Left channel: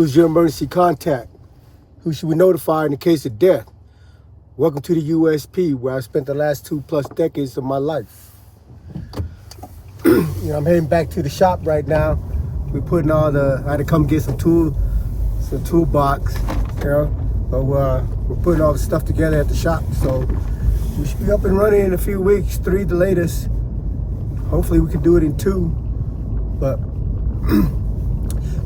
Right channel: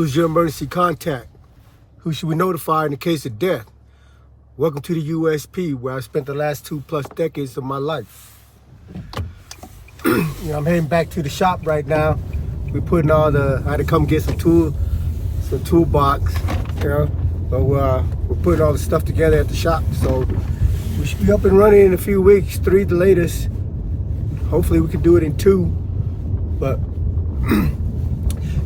Who's your emergency contact? Who should we notify in the case of death? Welcome to the USP, where I spent the last 2+ decades of my life. I'm heading back to the shop right now. We're putting I had to come get some toolbox, but we're putting all the stuff together at the shop. So we should be up and running in a few weeks, 3 the latest. Hopefully we can do it in 2. But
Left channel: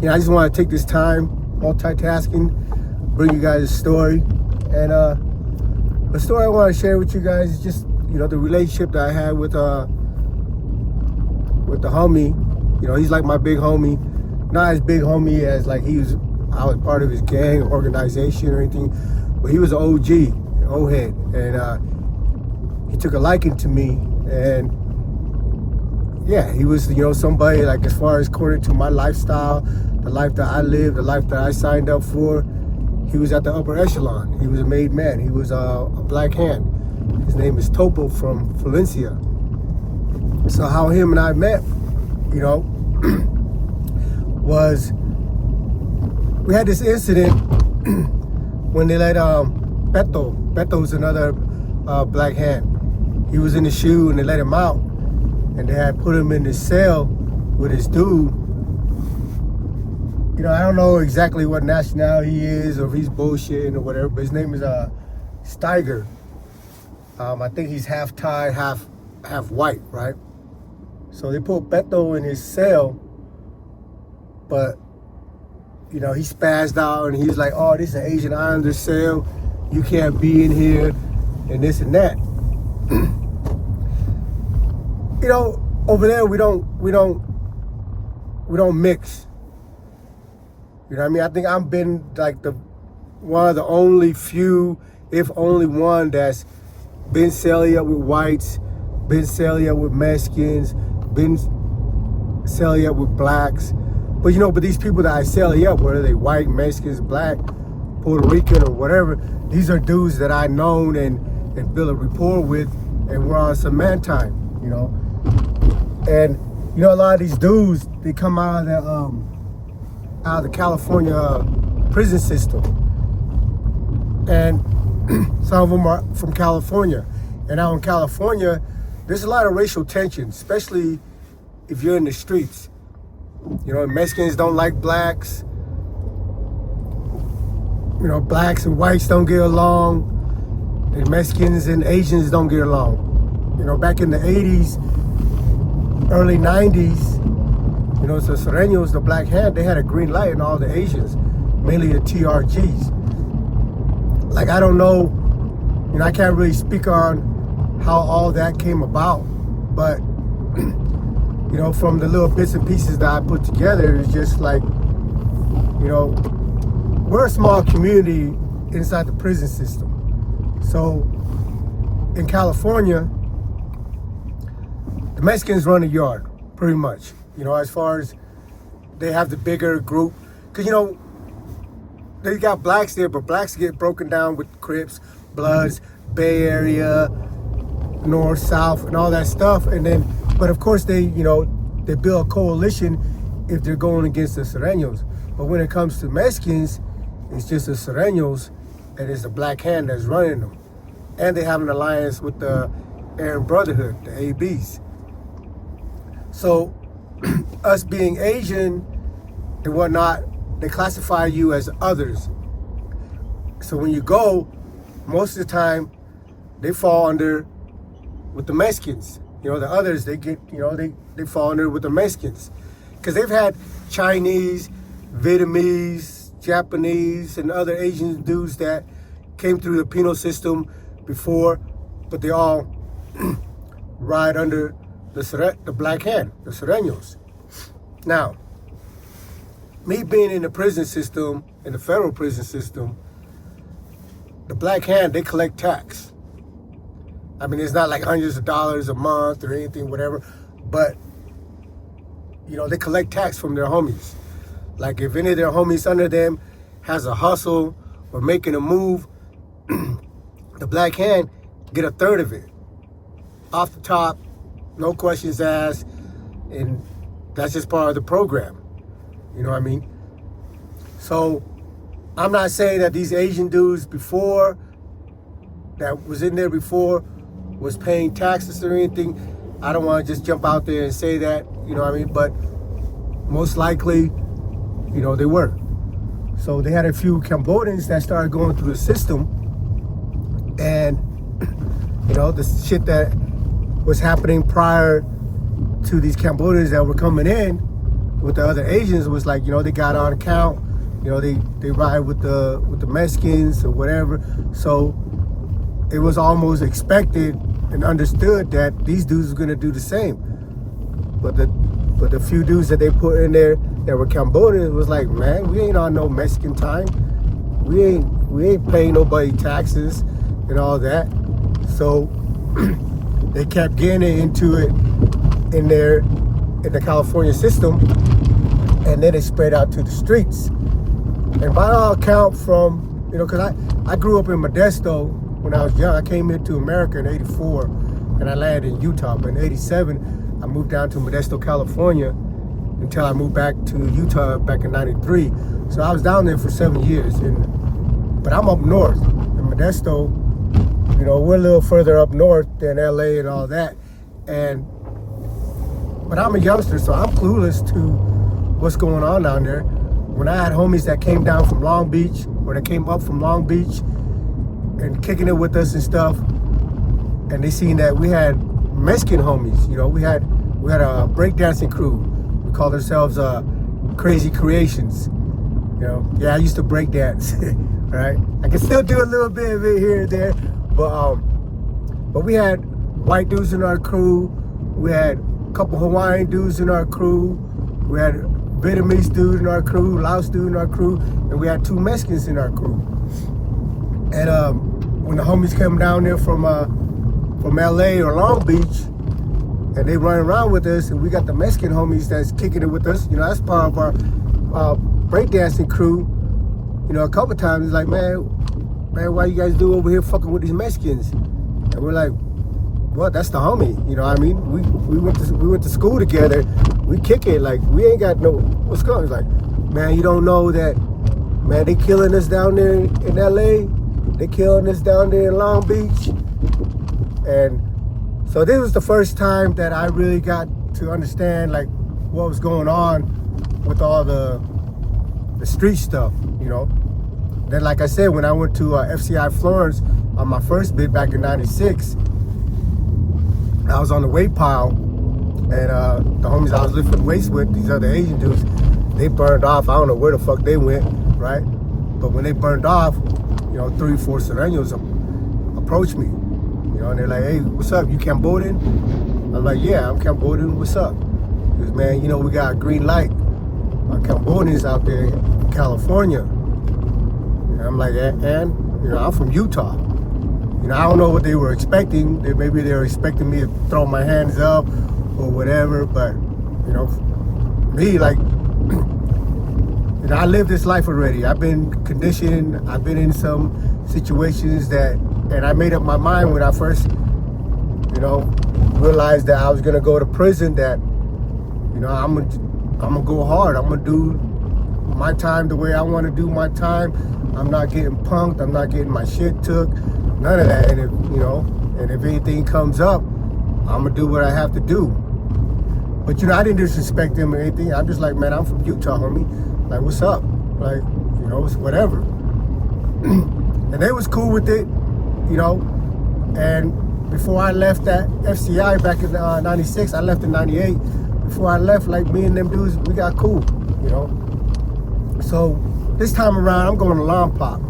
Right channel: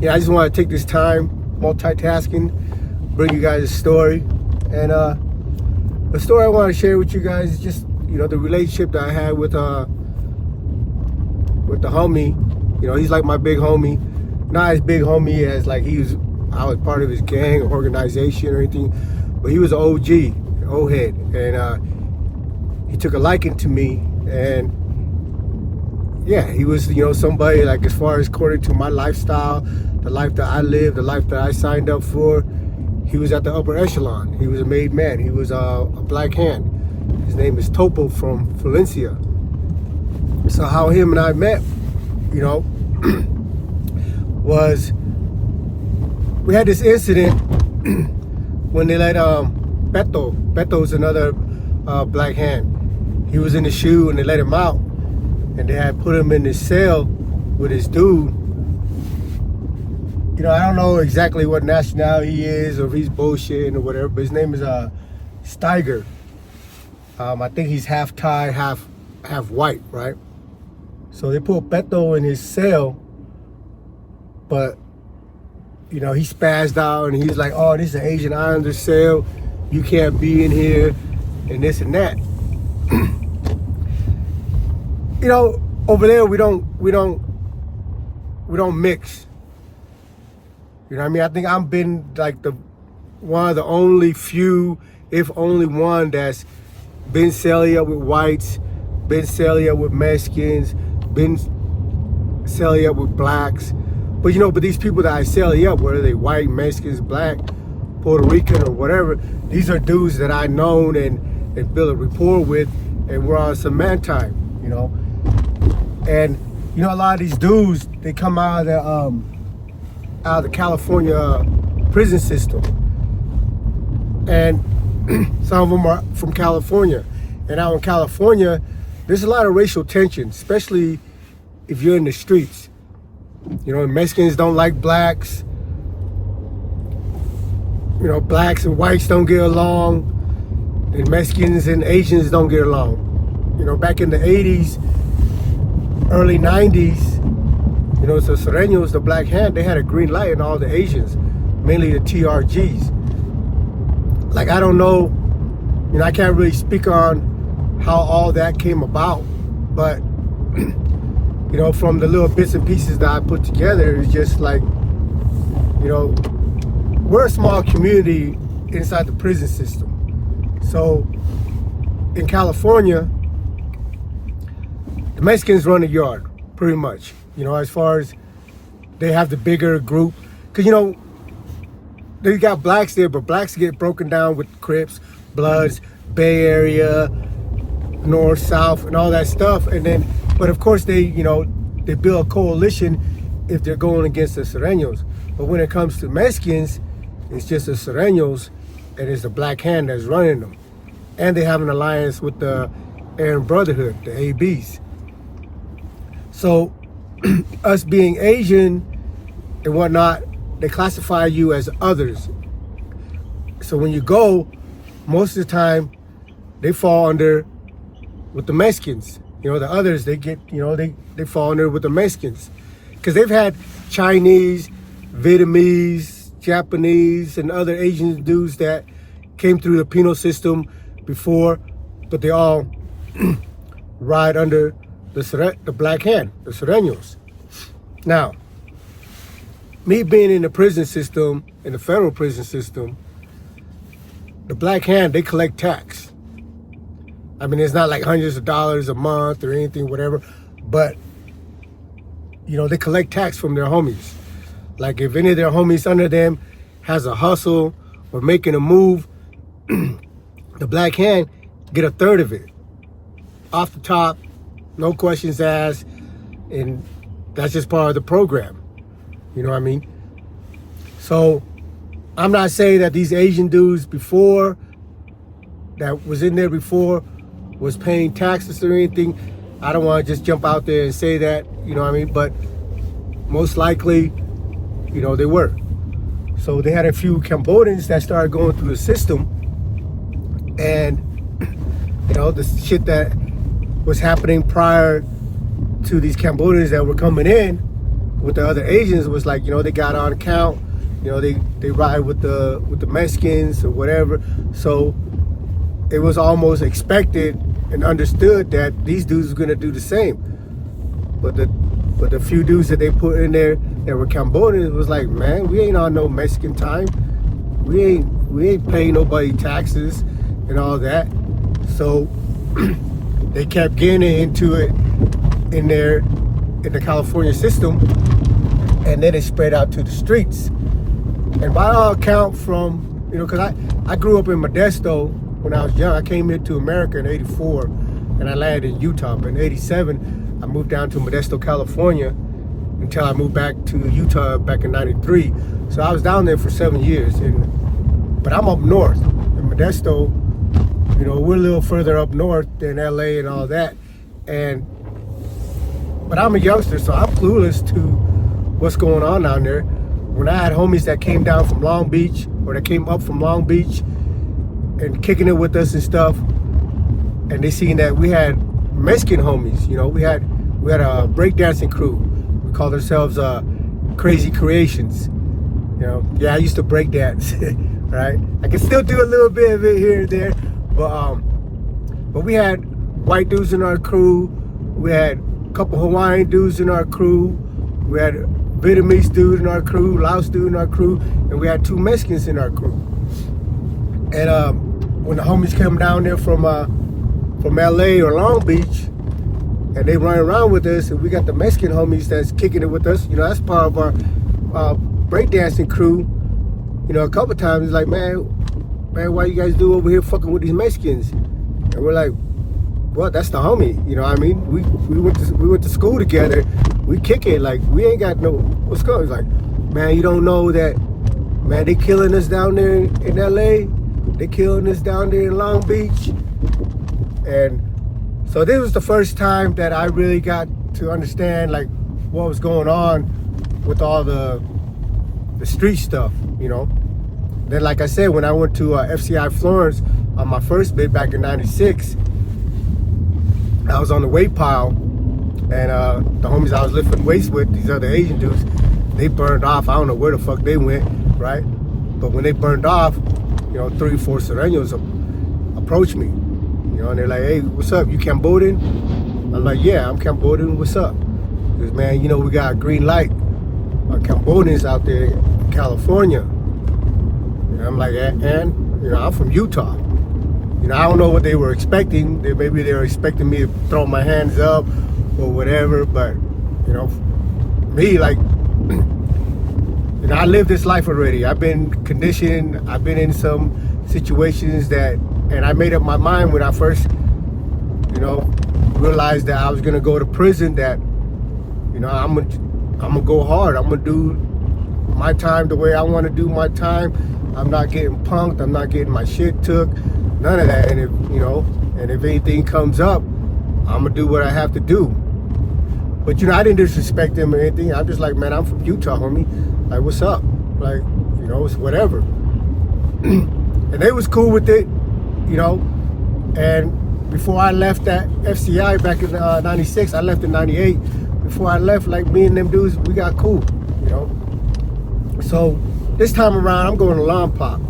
I just want to take this time, multitasking, bring you guys a story. And the story I want to share with you guys is just, the relationship that I had with the homie. He's like my big homie. Not as big homie as like I was part of his gang or organization or anything, but he was an OG, an old head. And he took a liking to me. And yeah, he was, somebody like, as far as according to my lifestyle, the life that I lived, the life that I signed up for, he was at the upper echelon. He was a made man. He was a black hand. His name is Topo from Florencio. So how him and I met, was we had this incident when they let Beto's another black hand. He was in the shoe and they let him out, and they had put him in this cell with his dude. I don't know exactly what nationality he is or if he's bullshitting or whatever, but his name is Steiger. I think he's half Thai, half white, right? So they put Beto in his cell, but he spazzed out and he's like, "Oh, this is an Asian Islander cell. You can't be in here," and this and that. Over there we don't mix. I think I've been like one of the only few, if only one, that's been celly up with whites, been celly up with Mexicans, been celly up with blacks. But but these people that I celly up, whether they white, Mexicans, black, Puerto Rican, or whatever, these are dudes that I known and built a rapport with, and we're on some man time, And a lot of these dudes, they come out of the California prison system, and some of them are from California. And out in California, there's a lot of racial tension, especially if you're in the streets. Mexicans don't like blacks. Blacks and whites don't get along, and Mexicans and Asians don't get along. Back in the 80s, early 90s, so Sureños, the black hand, they had a green light in all the Asians, mainly the TRGs. Like, I don't know, I can't really speak on how all that came about, but, from the little bits and pieces that I put together, it's just like, we're a small community inside the prison system. So in California, the Mexicans run the yard, pretty much. As far as they have the bigger group. Because, they got blacks there, but blacks get broken down with Crips, Bloods, Bay Area, North, South, and all that stuff. And then, but of course they build a coalition if they're going against the Sureños. But when it comes to Mexicans, it's just the Sureños, and it's the black hand that's running them. And they have an alliance with the Aryan Brotherhood, the ABs. So us being Asian and whatnot, they classify you as others. So when you go, most of the time, they fall under with the Mexicans. The others, they get, they fall under with the Mexicans. Because they've had Chinese, Vietnamese, Japanese, and other Asian dudes that came through the penal system before, but they all ride under the black hand, the Sureños. Now, me being in the prison system, in the federal prison system, the black hand, they collect tax. It's not like hundreds of dollars a month or anything, whatever, but, they collect tax from their homies. Like, if any of their homies under them has a hustle or making a move, the black hand get a third of it. Off the top, no questions asked, and that's just part of the program. You know what I mean? So I'm not saying that these Asian dudes before, that was in there before, was paying taxes or anything. I don't want to just jump out there and say that, you know what I mean? But most likely, you know, they were. So they had a few Cambodians that started going through the system, and, you know, the shit that was happening prior to these Cambodians that were coming in with the other Asians was like, you know, they got on account, you know, they ride with the Mexicans or whatever. So it was almost expected and understood that these dudes were gonna do the same. But the few dudes that they put in there that were Cambodians was like, man, we ain't on no Mexican time. We ain't paying nobody taxes and all that. So they kept getting into it in the California system, and then it spread out to the streets. And by all account, from, you know, because I grew up in Modesto when I was young. I came here to America in '84, and I landed in Utah. But in '87, I moved down to Modesto, California, until I moved back to Utah back in '93. So I was down there for 7 years. But I'm up north in Modesto. You know, we're a little further up north than LA and all that. But I'm a youngster, so I'm clueless to what's going on down there. When I had homies that came down from Long Beach, or that came up from Long Beach and kicking it with us and stuff, and they seen that we had Mexican homies, you know, we had a breakdancing crew. We called ourselves Crazy Creations. You know, yeah, I used to breakdance, right? I can still do a little bit of it here and there, but we had white dudes in our crew. We had a couple Hawaiian dudes in our crew. We had a Vietnamese dude in our crew, Laos dude in our crew, and we had 2 Mexicans in our crew. And when the homies came down there from LA or Long Beach, and they run around with us, and we got the Mexican homies that's kicking it with us, you know, that's part of our breakdancing crew. You know, a couple times, it's like, man, why you guys do over here fucking with these Mexicans? And we're like, well, that's the homie, you know what I mean? We went to school together. We kick it, like, we ain't got no, what's going on? He's like, man, you don't know that, man, they killing us down there in LA. They killing us down there in Long Beach. And so this was the first time that I really got to understand, like, what was going on with all the street stuff, you know? Then, like I said, when I went to FCI Florence on my first bid back in '96, I was on the weight pile, and the homies I was lifting weights with, these other Asian dudes, they burned off. I don't know where the fuck they went, right? But when they burned off, you know, 3 or 4 Sureños approached me, you know, and they're like, hey, what's up? You Cambodian? I'm like, yeah, I'm Cambodian. What's up? He goes, man, you know, we got a green light on Cambodians out there in California. And I'm like, and you know, I'm from Utah. You know, I don't know what they were expecting. Maybe they were expecting me to throw my hands up or whatever, but, you know, me, like, you know, I lived this life already. I've been conditioned. I've been in some situations that, and I made up my mind when I first, you know, realized that I was gonna go to prison, that, you know, I'm gonna go hard. I'm gonna do my time the way I wanna do my time. I'm not getting punked. I'm not getting my shit took. None of that. And if, you know, and if anything comes up, I'm gonna do what I have to do. But, you know, I didn't disrespect them or anything. I'm just like, man, I'm from Utah, homie. Like, what's up? Like, you know, it's whatever. And they was cool with it, you know. And before I left that FCI back in '96, I left in '98. Before I left, like, me and them dudes, we got cool, you know. So this time around, I'm going to Lawn Pop.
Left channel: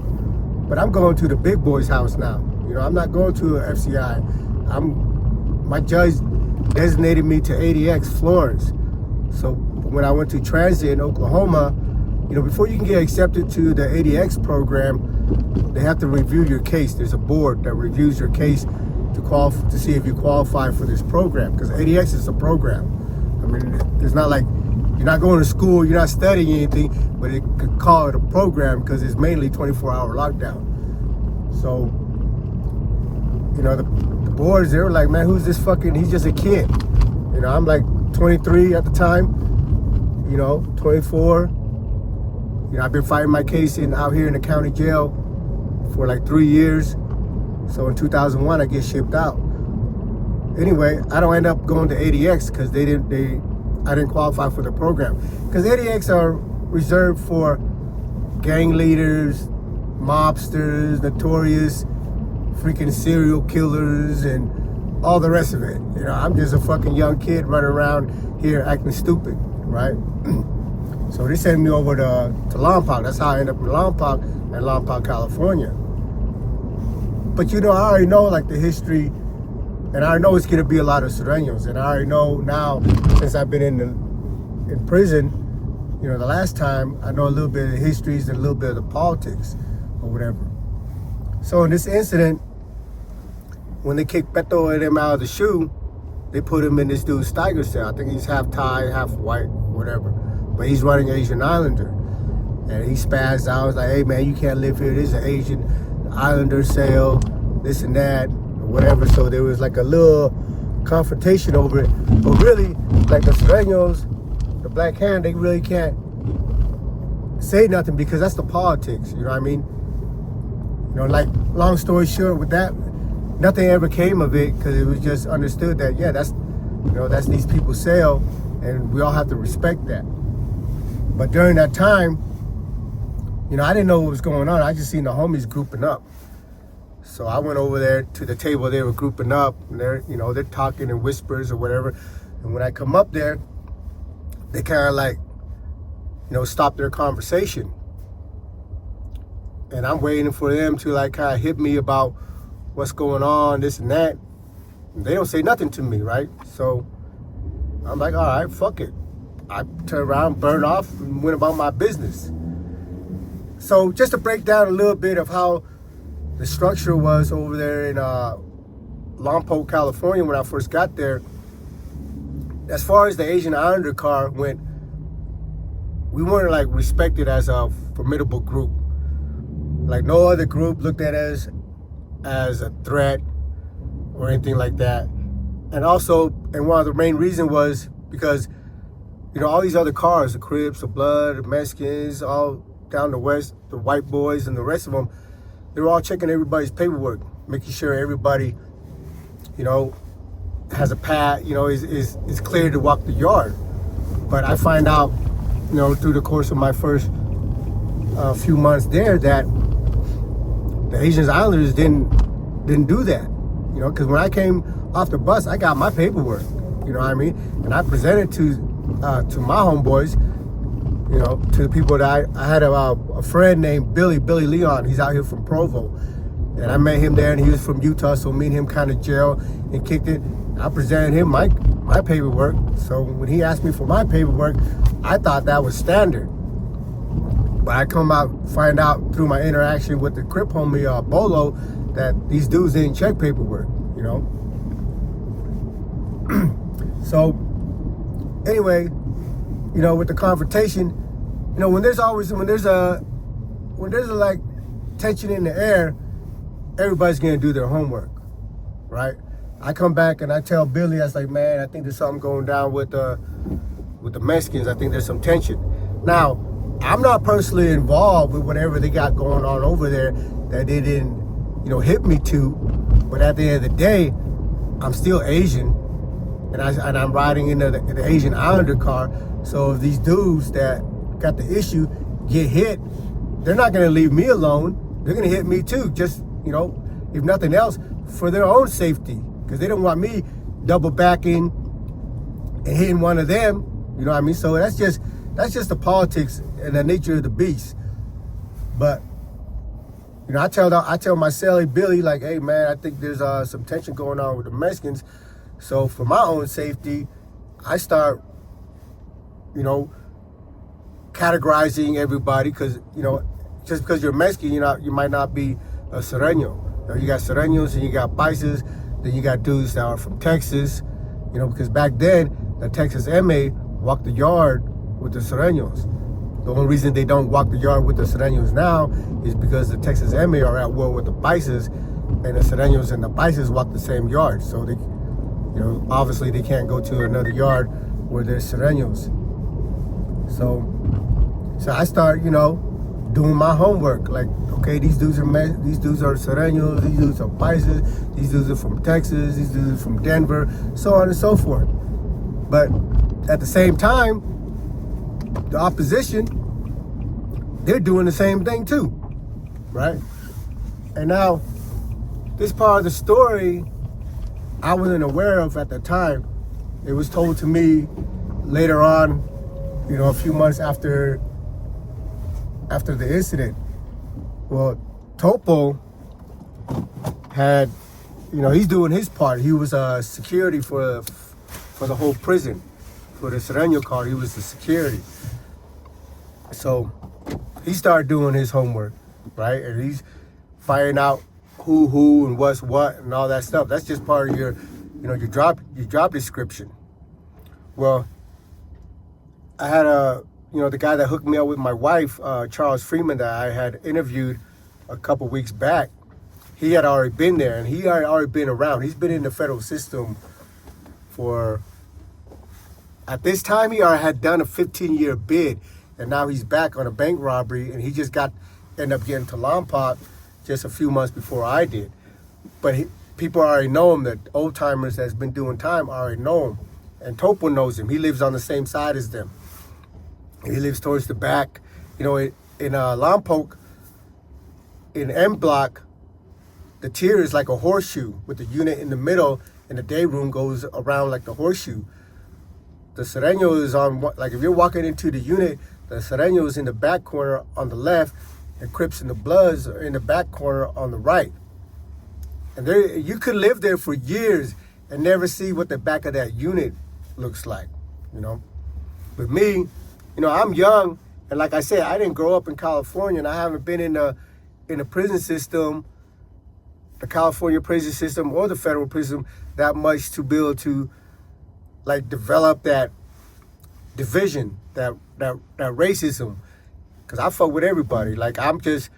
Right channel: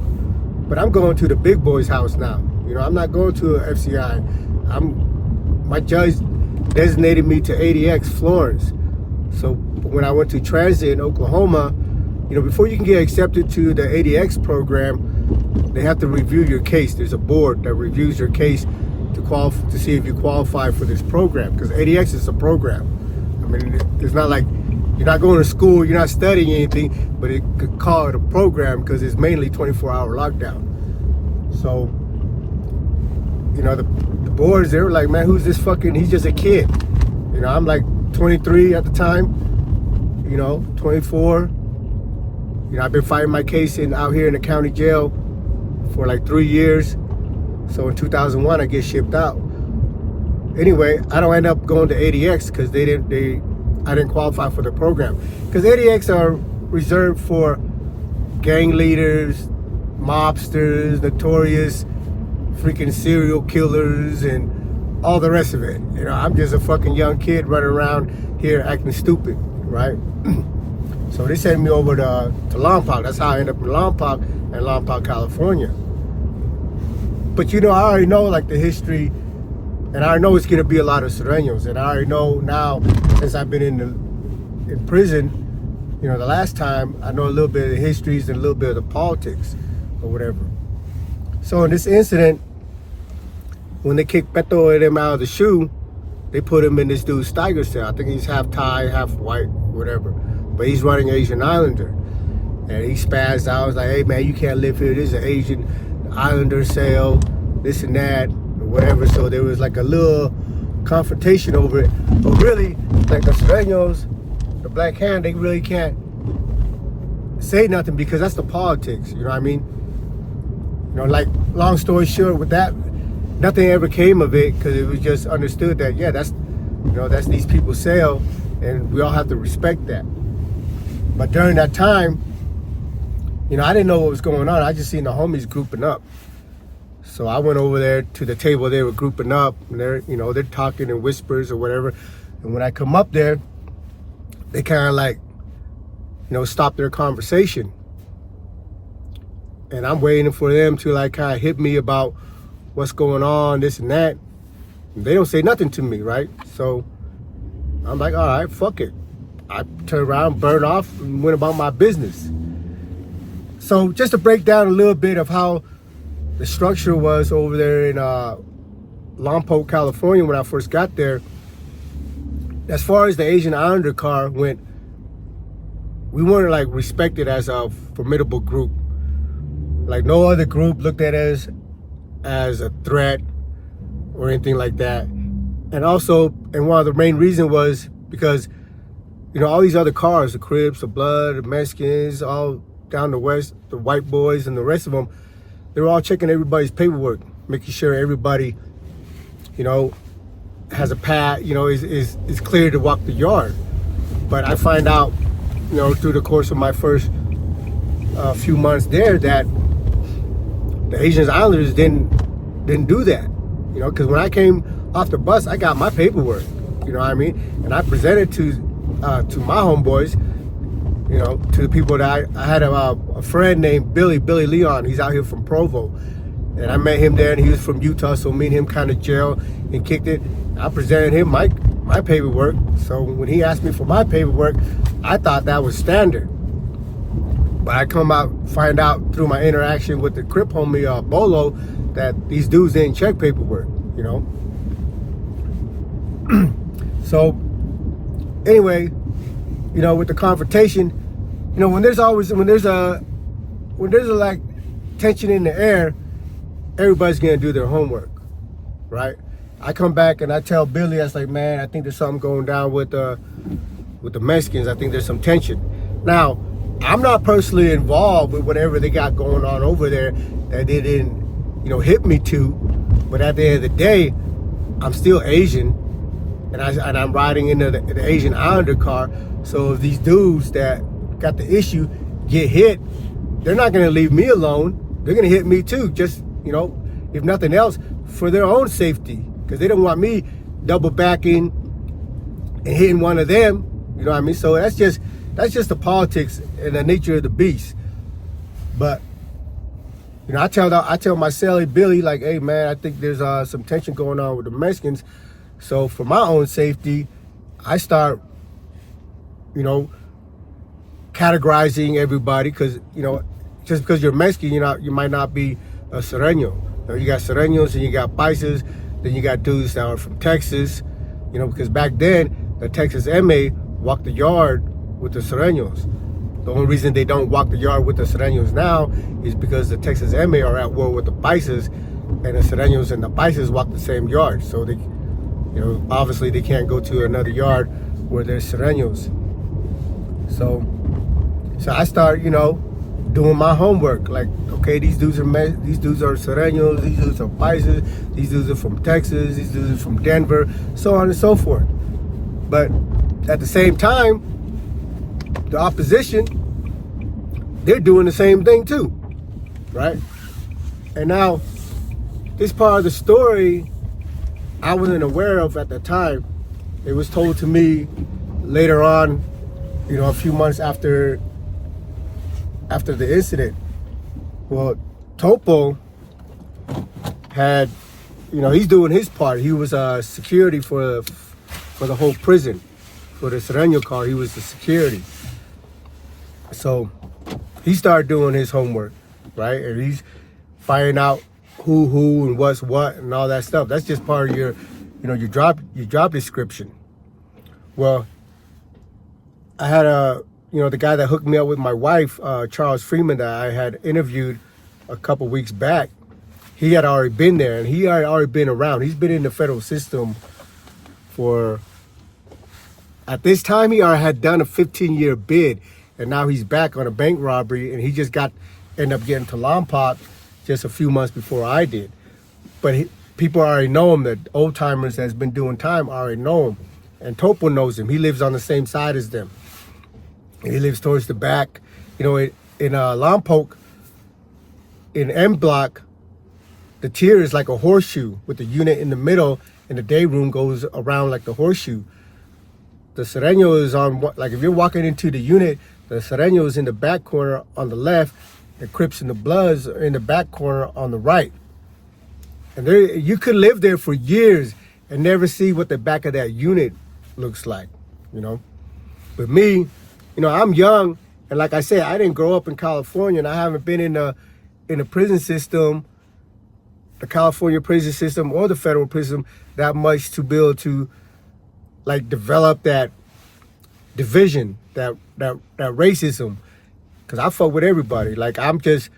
But I'm going to the big boy's house now. You know, I'm not going to a FCI. My judge designated me to ADX Florence. So when I went to transit in Oklahoma, you know, before you can get accepted to the ADX program, they have to review your case. There's a board that reviews your case to see if you qualify for this program, because ADX is a program. I mean, it's not like you're not going to school, you're not studying anything, but it could call it a program because it's mainly 24-hour lockdown. So, you know, the boards, they were like, man, who's this fucking, he's just a kid. You know, I'm like 23 at the time, you know, 24. You I've been fighting my case out here in the county jail for like 3 years. So in 2001, I get shipped out. Anyway, I don't end up going to ADX because I didn't qualify for the program. Because ADX are reserved for gang leaders, mobsters, notorious freaking serial killers, and all the rest of it. I'm just a fucking young kid running around here acting stupid, right? So they sent me over to Lompoc. That's how I ended up in Lompoc, California. But I already know like the history, and I know it's gonna be a lot of Sureños, and I already know now, since I've been in prison, the last time, I know a little bit of the histories and a little bit of the politics or whatever. So in this incident, when they kicked Beto and them out of the shoe, they put him in this dude's Steiger cell. I think he's half Thai, half white, whatever. But he's running Asian Islander. And he spazzed out. I was like, hey man, you can't live here. This is an Asian Islander cell, this and that, or whatever. So there was like a little confrontation over it. But really, like the Sureños, the Black Hand, they really can't say nothing because that's the politics, you know what I mean? Like, long story short, with that, nothing ever came of it because it was just understood that, yeah, that's these people's sale, and we all have to respect that. But during that time, I didn't know what was going on. I just seen the homies grouping up. So I went over there to the table they were grouping up, and they're talking in whispers or whatever. And when I come up there, they kind of like, stop their conversation. And I'm waiting for them to like kind of hit me about what's going on, this and that. And they don't say nothing to me, right? So I'm like, all right, fuck it. I turned around, burned off, and went about my business. So just to break down a little bit of how the structure was over there in Lompoc, California when I first got there, as far as the Asian Islander car went, we weren't like respected as a formidable group. Like no other group looked at us as a threat or anything like that. And also, and one of the main reasons was because, all these other cars, the Crips, the Blood, the Mexicans, all down the west, the white boys and the rest of them, they were all checking everybody's paperwork, making sure everybody, has a pad, is clear to walk the yard. But I find out, through the course of my first few months there that the Asian Islanders didn't do that, because when I came off the bus, I got my paperwork, you know what I mean? And I presented to my homeboys, to the people that I had a friend named Billy Leon. He's out here from Provo. And I met him there, and he was from Utah, so me and him kind of jailed and kicked it. I presented him my paperwork. So when he asked me for my paperwork, I thought that was standard. But I find out through my interaction with the Crip homie, Bolo, that these dudes didn't check paperwork, So anyway, with the confrontation, when there's a like tension in the air, everybody's gonna do their homework, right? I come back and I tell Billy, I was like, man, I think there's something going down with the Mexicans. I think there's some tension. Now, I'm not personally involved with whatever they got going on over there that they didn't, hit me to. But at the end of the day, I'm still Asian, and I'm riding in the Asian Islander car. So if these dudes that got the issue get hit, they're not gonna leave me alone. They're gonna hit me too, just, if nothing else, for their own safety. Because they don't want me double backing and hitting one of them, you know what I mean? So that's just the politics and the nature of the beast. But, I tell my cellie Billy, like, hey man, I think there's some tension going on with the Mexicans. So for my own safety, I start, categorizing everybody, because, just because you're Mexican, you might not be a Sureño. You got Sureños and you got Paisas, then you got dudes that are from Texas, because back then, the Texas EME walked the yard with the Sureños. The only reason they don't walk the yard with the Sureños now is because the Texas EME are at war with the Paisas, and the Sureños and the Paisas walk the same yard. So they, obviously they can't go to another yard where there's Sureños. So So I start, doing my homework. Like, okay, these dudes are Sureños, these dudes are Paisas, these dudes are from Texas, these dudes are from Denver, so on and so forth. But at the same time, the opposition, they're doing the same thing too, right? And now, this part of the story I wasn't aware of at the time. It was told to me later on, a few months after the incident. Well, Topo had, he's doing his part. He was security for the whole prison. For the Sureño car, he was the security. So he started doing his homework, right? And he's finding out who and what's what and all that stuff. That's just part of your job description. Well, I had the guy that hooked me up with my wife, Charles Freeman, that I had interviewed a couple weeks back. He had already been there, and he had already been around. He's been in the federal system at this time, he already had done a 15-year bid, and now he's back on a bank robbery, and he just ended up getting to Lompoc just a few months before I did. But people already know him. The old-timers that's been doing time already know him. And Topo knows him. He lives on the same side as them. He lives towards the back. In Lompoc, in M Block, the tier is like a horseshoe with the unit in the middle, and the day room goes around like the horseshoe. The Sureño is on, like if you're walking into the unit, the Sureño is in the back corner on the left, the Crips and the Bloods are in the back corner on the right. And you could live there for years and never see what the back of that unit looks like, But me, I'm young, and like I said, I didn't grow up in California, and I haven't been in the prison system, the California prison system or the federal prison that much to be able to develop that division, that racism, because I fuck with everybody. Like I'm just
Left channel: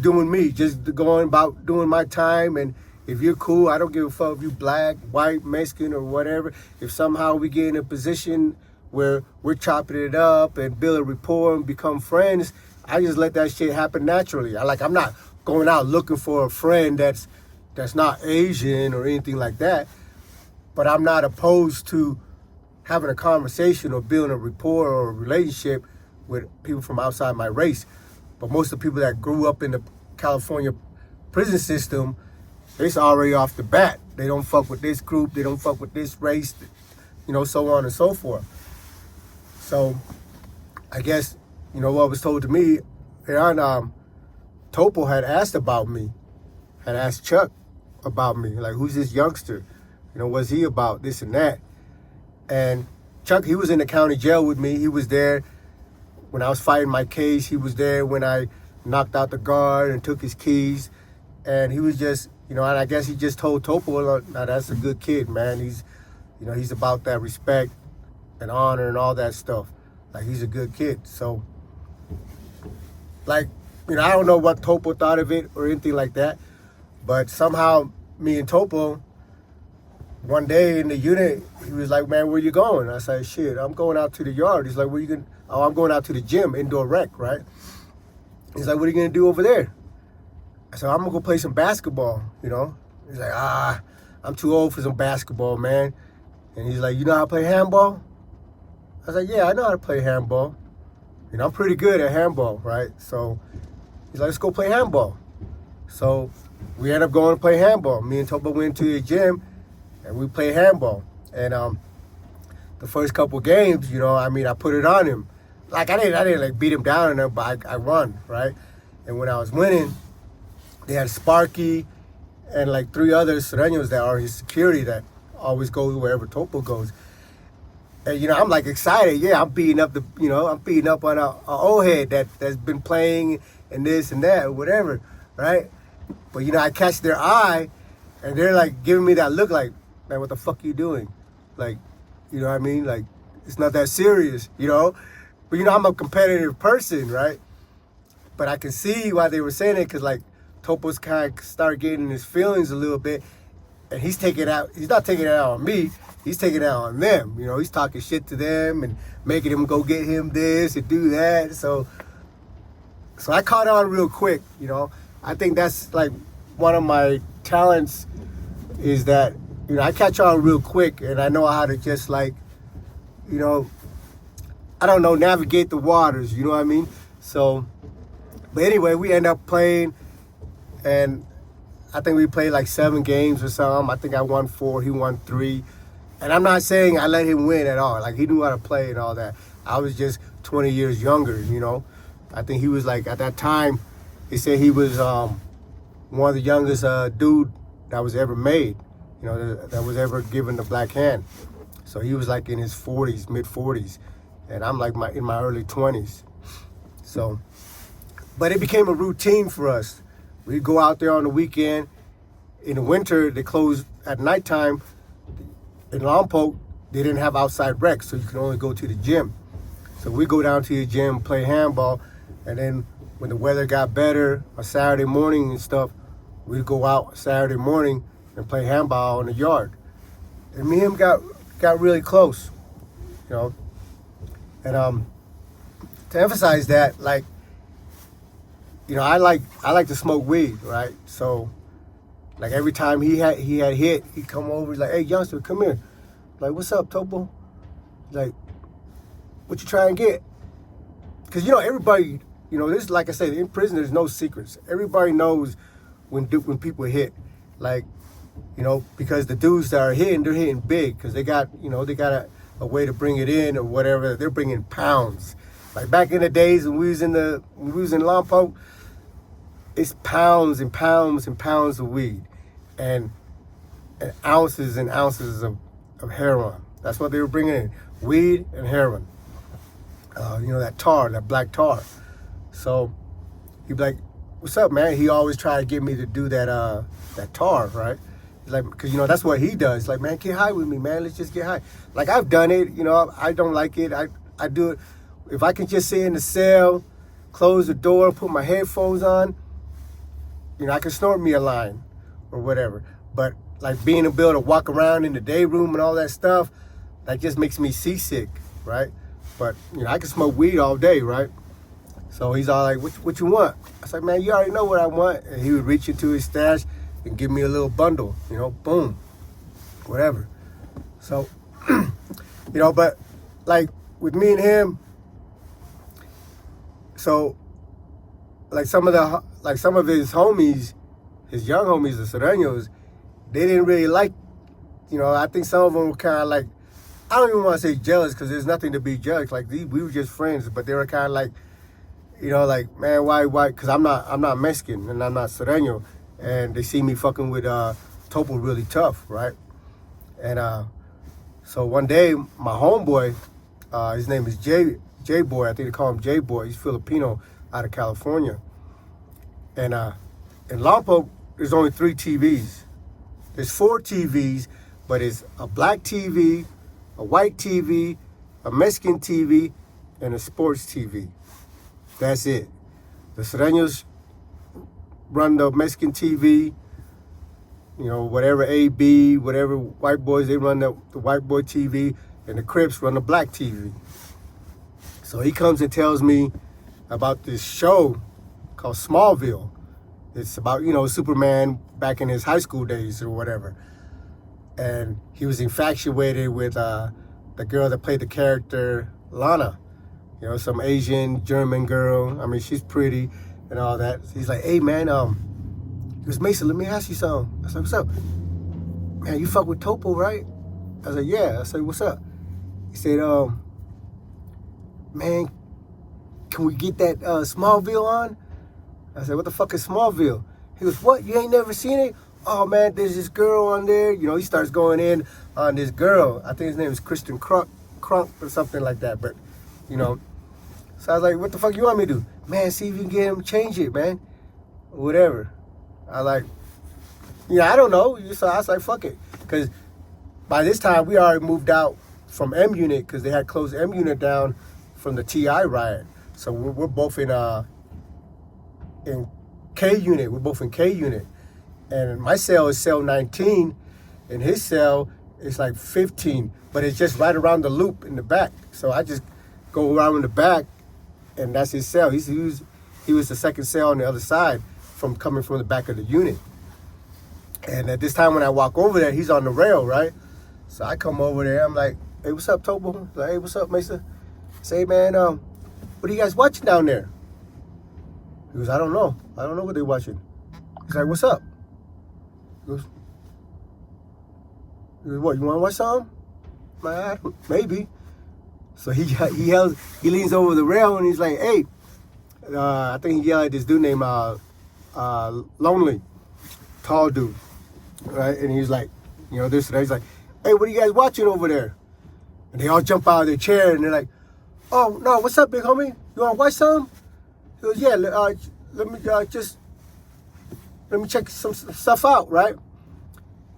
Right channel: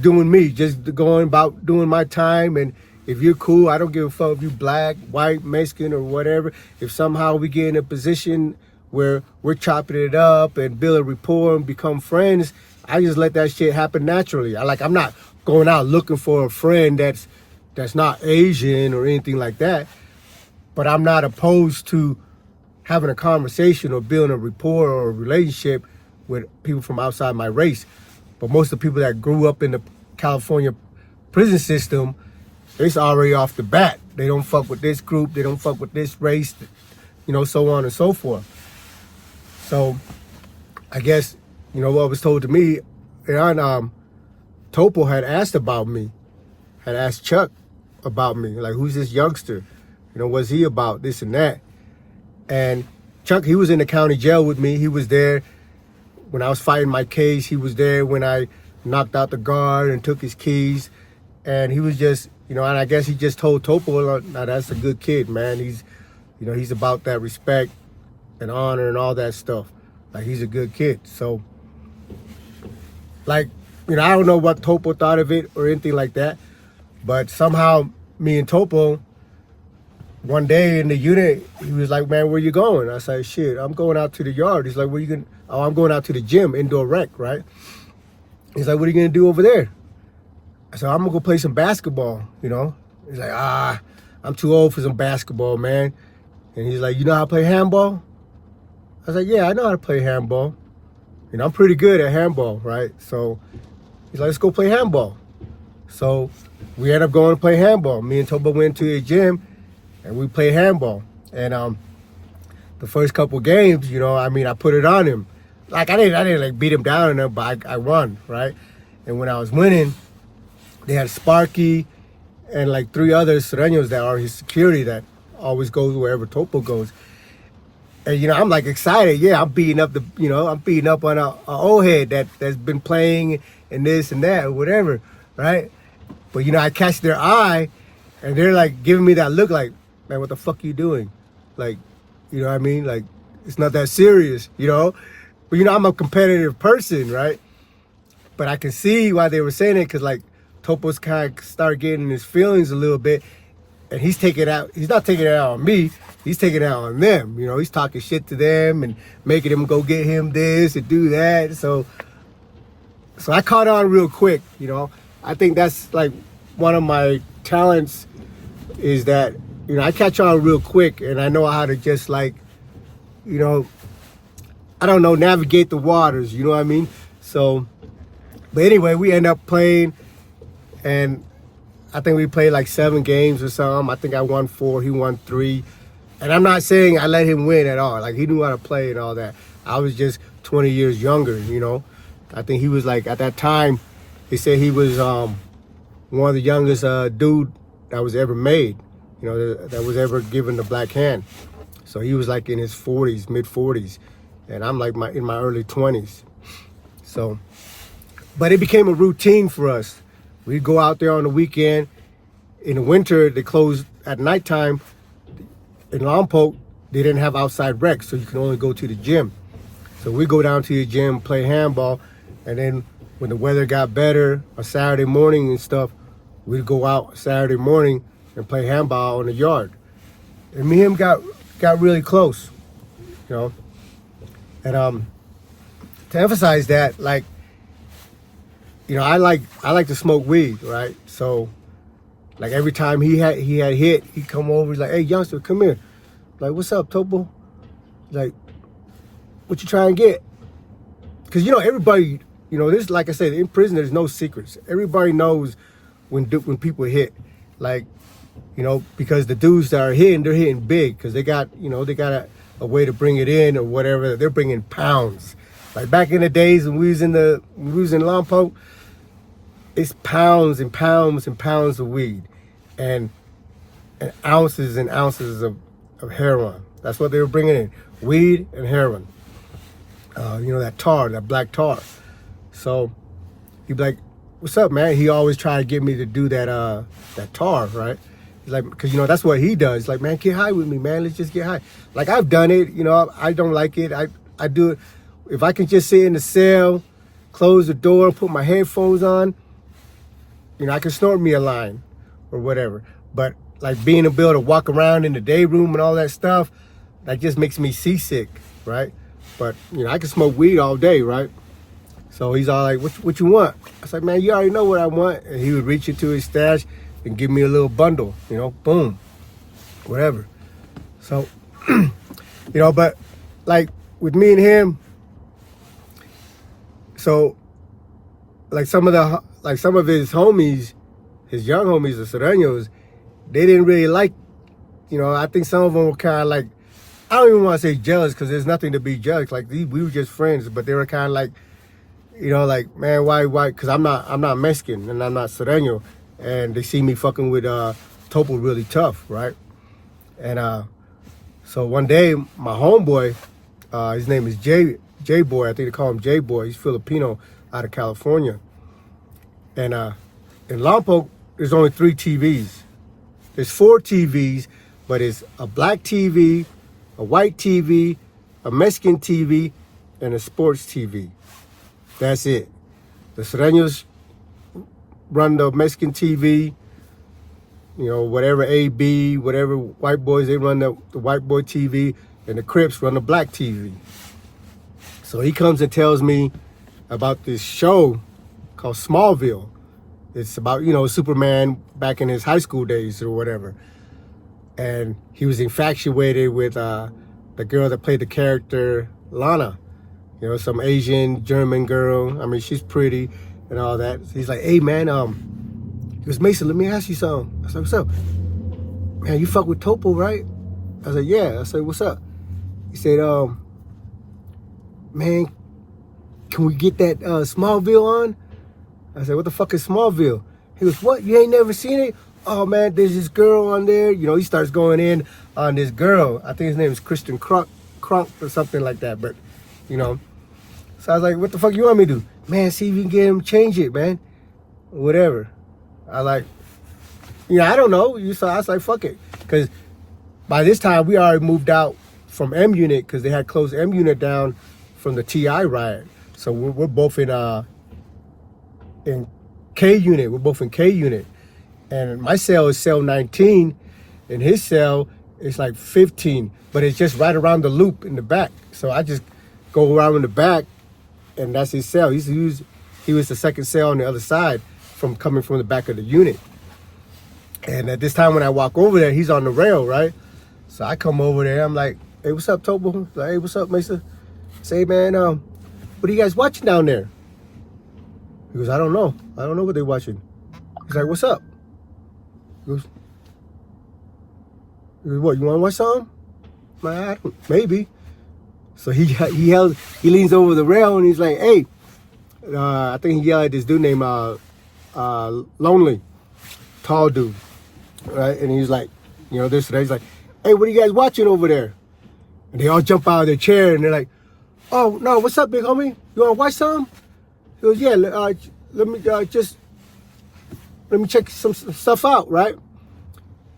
doing me, just going about doing my time. And if you're cool, I don't give a fuck if you black, white, Mexican, or whatever. If somehow we get in a position where we're chopping it up and build a rapport and become friends, I just let that shit happen naturally. I'm not going out looking for a friend that's not Asian or anything like that. But I'm not opposed to having a conversation or building a rapport or a relationship with people from outside my race. But most of the people that grew up in the California prison system, it's already off the bat. They don't fuck with this group. They don't fuck with this race, so on and so forth. So I guess, what was told to me, and Topo had asked about me, had asked Chuck about me, like, who's this youngster? What's he about, this and that? And Chuck, he was in the county jail with me. He was there when I was fighting my case. He was there when I knocked out the guard and took his keys. And he was just, and I guess he just told Topo, now that's a good kid, man. He's about that respect and honor and all that stuff. Like, he's a good kid. So, I don't know what Topo thought of it or anything like that. But somehow, me and Topo, one day in the unit, he was like, man, where you going? I said, shit, I'm going out to the yard. He's like, where you going? Oh, I'm going out to the gym, indoor rec, right? He's like, what are you going to do over there? I said, I'm going to go play some basketball, He's like, I'm too old for some basketball, man. And he's like, you know how to play handball? I was like, yeah, I know how to play handball. I'm pretty good at handball, right? So he's like, let's go play handball. So we ended up going to play handball. Me and Topo went to the gym, and we played handball. And the first couple games, I put it on him. I didn't beat him down in there, but I won, right? And when I was winning, they had Sparky and 3 other Sureños that are his security that always goes wherever Topo goes. And I'm excited. Yeah, I'm beating up on a old head that's been playing and this and that or whatever, right? But I catch their eye, and they're giving me that look like, man, what the fuck are you doing? You know what I mean? It's not that serious, But I'm a competitive person, right? But I can see why they were saying it, because Topo's kind of started getting his feelings a little bit, and he's not taking it out on me. he's taking it out on them. You know, he's talking shit to them and making them go get him this and do that. So I caught on real quick. You know, I think that's like one of my talents is that, you know, I catch on real quick and I know how to just like, you know, I don't know, navigate the waters, you know what I mean? So, but anyway, we end up playing and I think we played like 7 games or something. I think I won 4, he won 3. And I'm not saying I let him win at all. Like, he knew how to play and all that. I was just 20 years younger, you know? I think he was like, at that time, they said he was one of the youngest dude that was ever made, you know, that was ever given the black hand. So he was like in his 40s, mid 40s, and I'm like in my early 20s. So, but it became a routine for us. We'd go out there on the weekend. In the winter, they closed at nighttime. In Lompoc, they didn't have outside rec, so you can only go to the gym. So we go down to the gym, play handball, and then when the weather got better on Saturday morning and stuff, we'd go out Saturday morning and play handball in the yard. And me and him got really close, you know. And to emphasize that, like, you know, I like to smoke weed, right? So, like every time he had hit, he'd come over. He's like, "Hey, youngster, come here." Like, "What's up, Topo?" Like, "What you trying to get?" Because, you know, everybody, you know, this, like I said, in prison there's no secrets. Everybody knows when people hit, like, you know, because the dudes that are hitting, they're hitting big because they got, you know, they got a way to bring it in or whatever. They're bringing pounds. Like back in the days when we was in Lompoc, it's pounds and pounds and pounds of weed and ounces and ounces of heroin. That's what they were bringing in, weed and heroin. You know, that tar, that black tar. So he'd be like, "What's up, man?" He always tried to get me to do that tar, right? He's like, because, you know, that's what he does. He's like, "Man, get high with me, man. Let's just get high." Like, I've done it, you know, I don't like it. I do it. If I can just sit in the cell, close the door, put my headphones on, you know, I can snort me a line or whatever. But like being able to walk around in the day room and all that stuff, that just makes me seasick, right? But, you know, I can smoke weed all day, right? So he's all like, what you want? I was like, "Man, you already know what I want." And he would reach into his stash and give me a little bundle, you know, boom, whatever. So, you know, but like with me and him, so like some of his homies, his young homies, the Sereños, they didn't really like, you know, I think some of them were kind of like, I don't even want to say jealous because there's nothing to be jealous. Like we were just friends, but they were kind of like, you know, like, "Man, why? Because I'm not Mexican and I'm not Sereño, and they see me fucking with Topo really tough, right?" And so one day, my homeboy, his name is J Boy. I think they call him J Boy. He's Filipino out of California. And in Lompoc, there's only 3 TVs. There's 4 TVs, but it's a black TV, a white TV, a Mexican TV, and a sports TV. That's it. The Sereños run the Mexican TV, you know, whatever AB, whatever white boys, they run the white boy TV, and the Crips run the black TV. So he comes and tells me about this show called Smallville. It's about, you know, Superman back in his high school days or whatever. And he was infatuated with the girl that played the character Lana. You know, some Asian German girl. I mean, she's pretty and all that. So he's like, "Hey, man, he goes, Mason, let me ask you something." I said, "What's up?" "Man, you fuck with Topo, right?" I said, "Yeah." I said, "What's up?" He said, "Man, can we get that Smallville on?" I said, "What the fuck is Smallville?" He goes, "What? You ain't never seen it? Oh, man, there's this girl on there." You know, he starts going in on this girl. I think his name is Kristen Crunk or something like that. But, you know, so I was like, "What the fuck you want me to do?" "Man, see if you can get him to change it, man." Whatever. I like, you know, I don't know. So I was like, fuck it. Because by this time, we already moved out from M Unit because they had closed M Unit down from the TI riot. So we're both in K Unit. We're both in K Unit. And my cell is cell 19, and his cell it's like 15, but it's just right around the loop in the back. So I just go around in the back, and that's his cell. He was the second cell on the other side from coming from the back of the unit. And at this time when I walk over there, he's on the rail, right? So I come over there, I'm like, hey, what's up, Topo? Like, hey, what's up, Mesa? I say, man, what are you guys watching down there? He goes, I don't know what they're watching. He's like, what's up? He goes, what, you want to watch something? Man, maybe. So he leans over the rail and he's like, hey, I think he yelled at this dude named Lonely, tall dude, right? And he's like, you know, this and that. He's like, hey, what are you guys watching over there? And they all jump out of their chair and they're like, oh, no, what's up, big homie? You want to watch something? He goes, yeah, let me check some stuff out, right?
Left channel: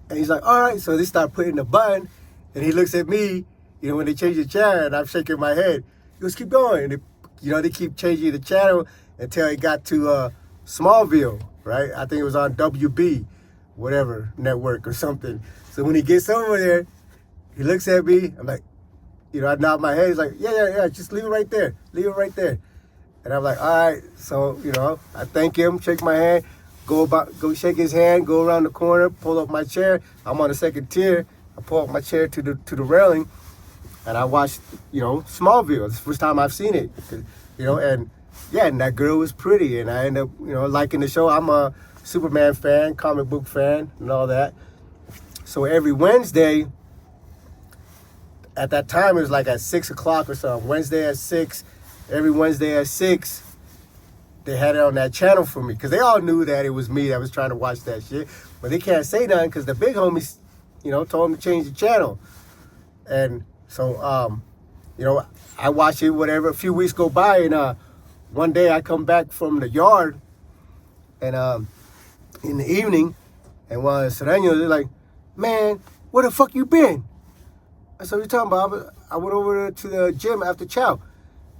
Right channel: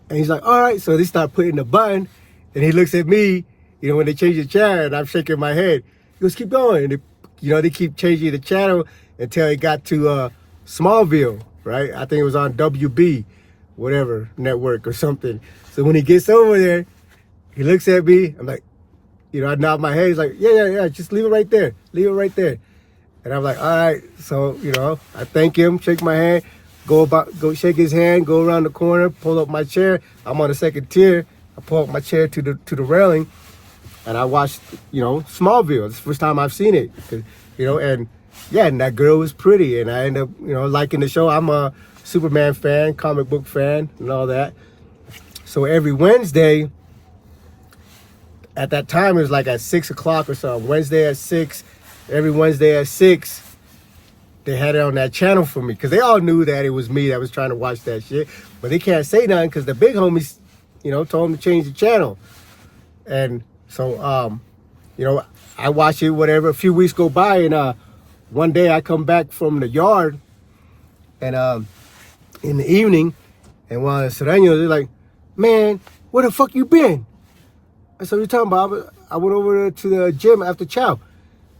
And he's like, all right. So they start putting the button, and he looks at me, you know, when they change the channel, and I'm shaking my head. He goes, keep going. And they keep changing the channel until it got to Smallville, right? I think it was on WB, whatever, network or something. So when he gets over there, he looks at me. I'm like, you know, I nod my head. He's like, yeah, just leave it right there. Leave it right there. And I'm like, all right. So, you know, I thank him, shake my hand, go shake his hand, go around the corner, pull up my chair. I'm on the second tier. I pull up my chair to the railing, and I watched, you know, Smallville. It's the first time I've seen it, you know, and yeah, and that girl was pretty, and I end up, you know, liking the show. I'm a Superman fan, comic book fan, and all that. So every Wednesday, at that time, it was like at 6 o'clock or something. Wednesday at 6, every Wednesday at 6, they had it on that channel for me, because they all knew that it was me that was trying to watch that shit. But they can't say nothing because the big homies, you know, told them to change the channel. And so, you know, I watch it, whatever. A few weeks go by, and one day I come back from the yard, and in the evening, and one of the Sereños, they're like, man, where the fuck you been? I said, what you talking about? I went over to the gym after chow.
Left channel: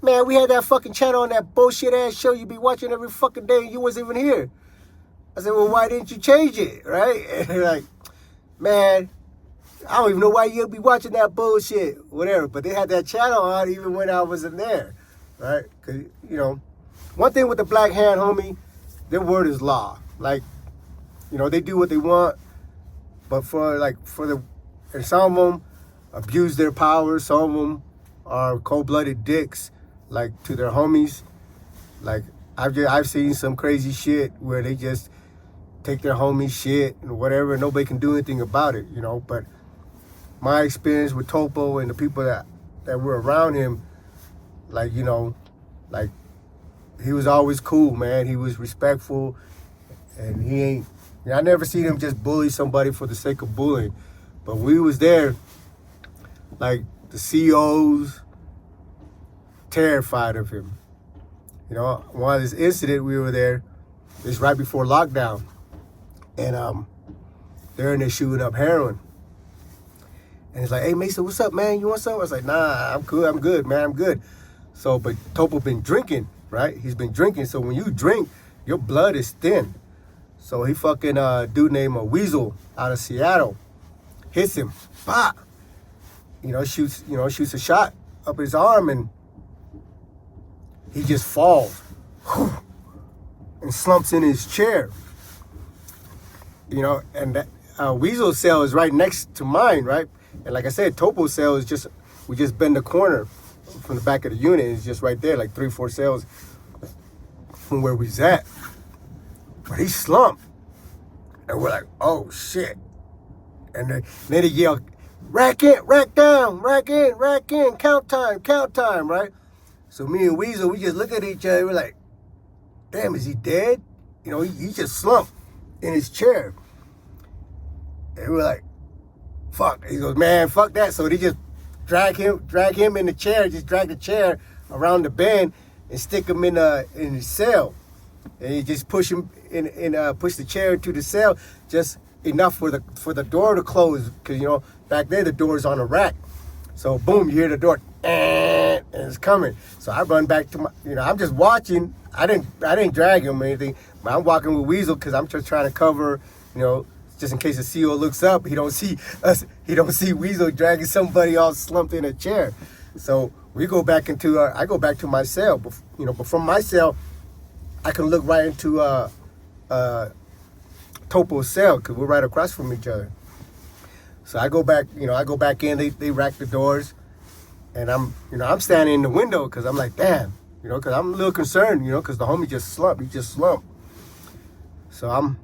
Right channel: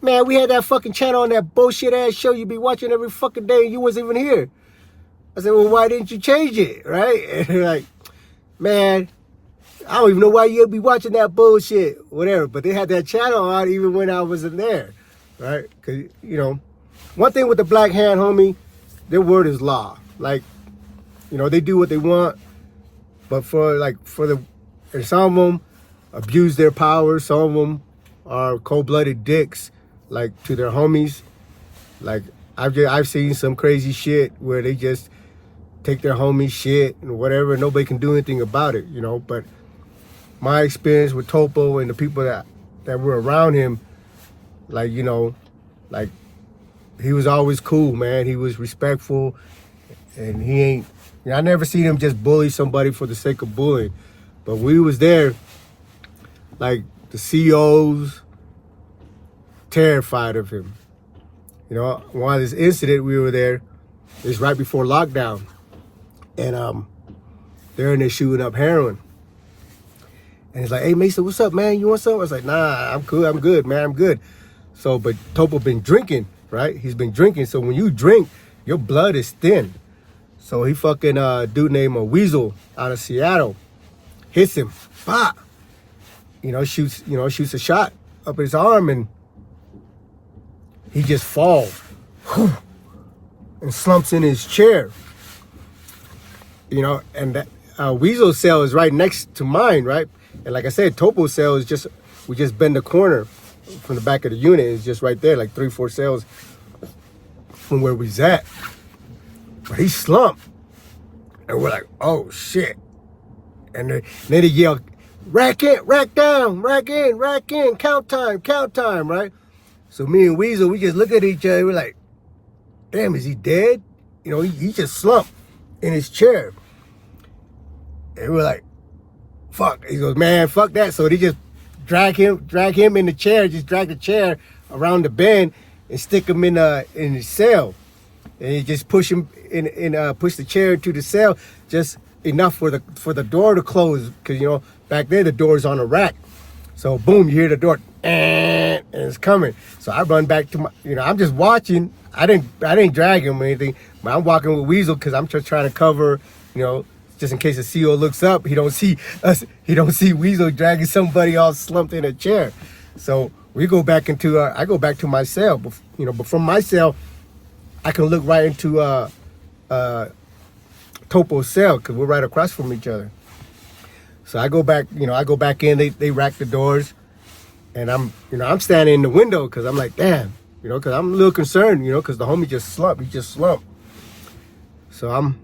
Man, we had that fucking channel on that bullshit ass show you be watching every fucking day, and you wasn't even here. I said, well, why didn't you change it, right? And they're like, man, I don't even know why you'd be watching that bullshit, whatever. But they had that channel on even when I wasn't there, right? Because, you know, one thing with the Black Hand, homie, their word is law. Like, you know, they do what they want, but and some of them abuse their power. Some of them are cold-blooded dicks, like, to their homies. Like, I've seen some crazy shit where they just take their homies' shit and whatever, and nobody can do anything about it, you know. But my experience with Topo and the people that were around him, like, you know, like, he was always cool, man. He was respectful, and he ain't, you know, I never seen him just bully somebody for the sake of bullying. But we was there, like, the COs terrified of him. You know, one of this incident, we were there, it was right before lockdown, and they're in there shooting up heroin. And it's like, hey, Mason, what's up, man? You want something? I was like, nah, I'm cool. I'm good, man. I'm good. So, but Topo been drinking, right? He's been drinking. So when you drink, your blood is thin. So he fucking, dude named Weasel out of Seattle hits him. Bah! You know, shoots a shot up his arm, and he just falls and slumps in his chair. You know, and that Weasel's cell is right next to mine, right? And like I said, Topo's cell is we just bend the corner from the back of the unit. It's just right there, like 3-4 cells from where we's at. But he slumped. And we're like, oh, shit. And then they yell, rack in, rack down, rack in, count time, right? So me and Weasel, we just look at each other. We're like, damn, is he dead? You know, he just slumped in his chair. And we're like, fuck. He goes, man, fuck that. So they just drag him in the chair, just drag the chair around the bend and stick him in his cell. And you just push him push the chair to the cell just enough for the door to close, because, you know, back there the door's on a rack. So boom, you hear the door, and it's coming. So I run back to my, you know, I'm just watching. I didn't drag him or anything, but I'm walking with Weasel because I'm just trying to cover, you know, just in case the CO looks up, he don't see us. He don't see Weasel dragging somebody all slumped in a chair. So we go back into. I go back to my cell. But, but from my cell, I can look right into Topo's cell because we're right across from each other. So I go back. I go back in. They rack the doors, and I'm standing in the window because I'm like, damn, because I'm a little concerned, because the homie just slumped. He just slumped. So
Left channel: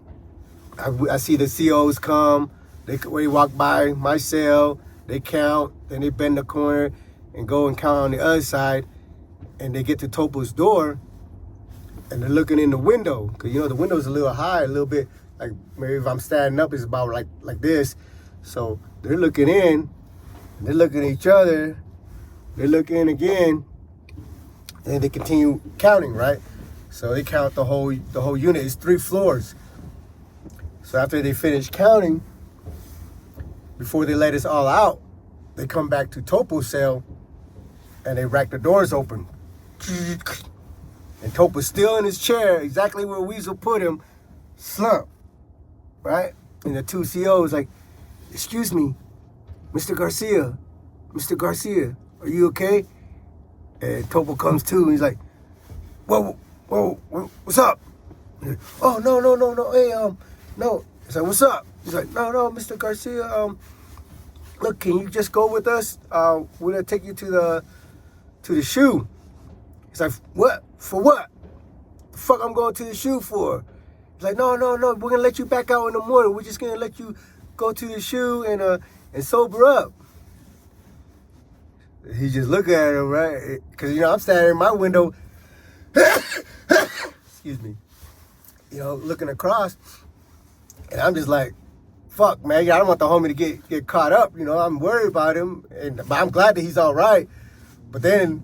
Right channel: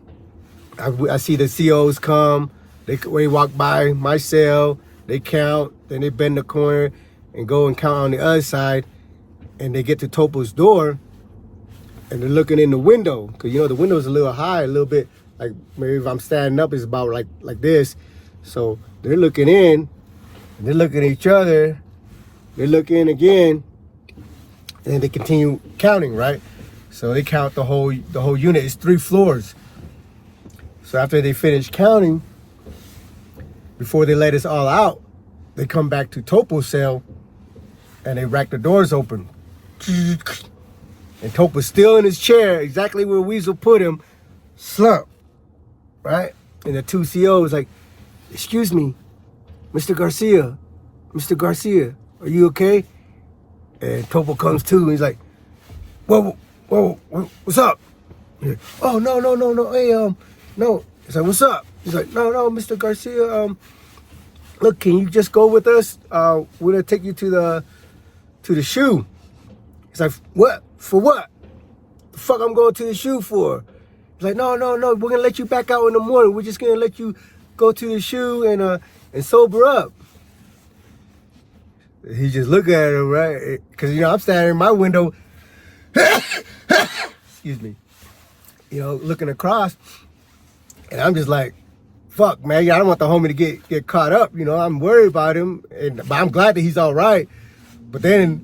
I see the COs come. They walk by my cell. They count. Then they bend the corner and go and count on the other side. And they get to Topo's door. And they're looking in the window. Because, the window's a little high, a little bit. Like, maybe if I'm standing up, it's about like this. So they're looking in. And they're looking at each other. They look in again. And they continue counting, right? So they count the whole unit. It's 3 floors. So after they finish counting, before they let us all out, they come back to Topo's cell and they rack the doors open. And Topo's still in his chair, exactly where Weasel put him, slumped, right? And the 2 COs like, excuse me, Mr. Garcia, are you okay? And Topo comes to and he's like, whoa, what's up? Like, oh, no, hey, no. He's like, what's up? He's like, no, Mr. Garcia, look, can you just go with us? We're gonna take you to the shoe. He's like, what? For what? The fuck I'm going to the shoe for? He's like, no, we're gonna let you back out in the morning. We're just gonna let you go to the shoe and sober up. He just looked at him, right? Because, I'm standing in my window, excuse me, looking across, and I'm just like, fuck, man, I don't want the homie to get caught up, I'm worried about him, but I'm glad that he's all right. But then,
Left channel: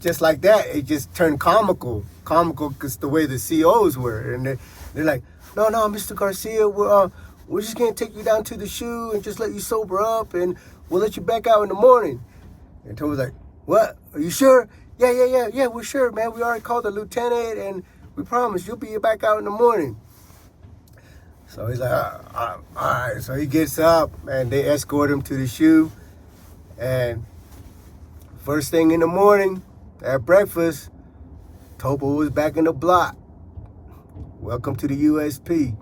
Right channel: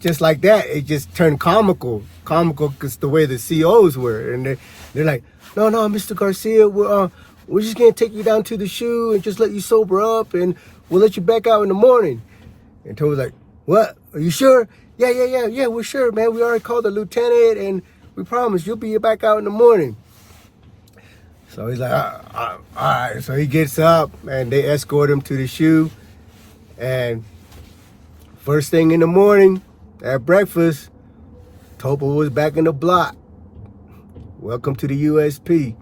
just like that, it just turned comical because the way the COs were, and they're like, no, Mr. Garcia, we're just gonna take you down to the shoe and just let you sober up, and we'll let you back out in the morning. And Toby's like, what? Are you sure? Yeah, we're sure, man. We already called the lieutenant, and we promise you'll be back out in the morning. So he's like, all right. So he gets up, and they escort him to the shoe. And first thing in the morning, at breakfast, Topo was back in the block. Welcome to the USP.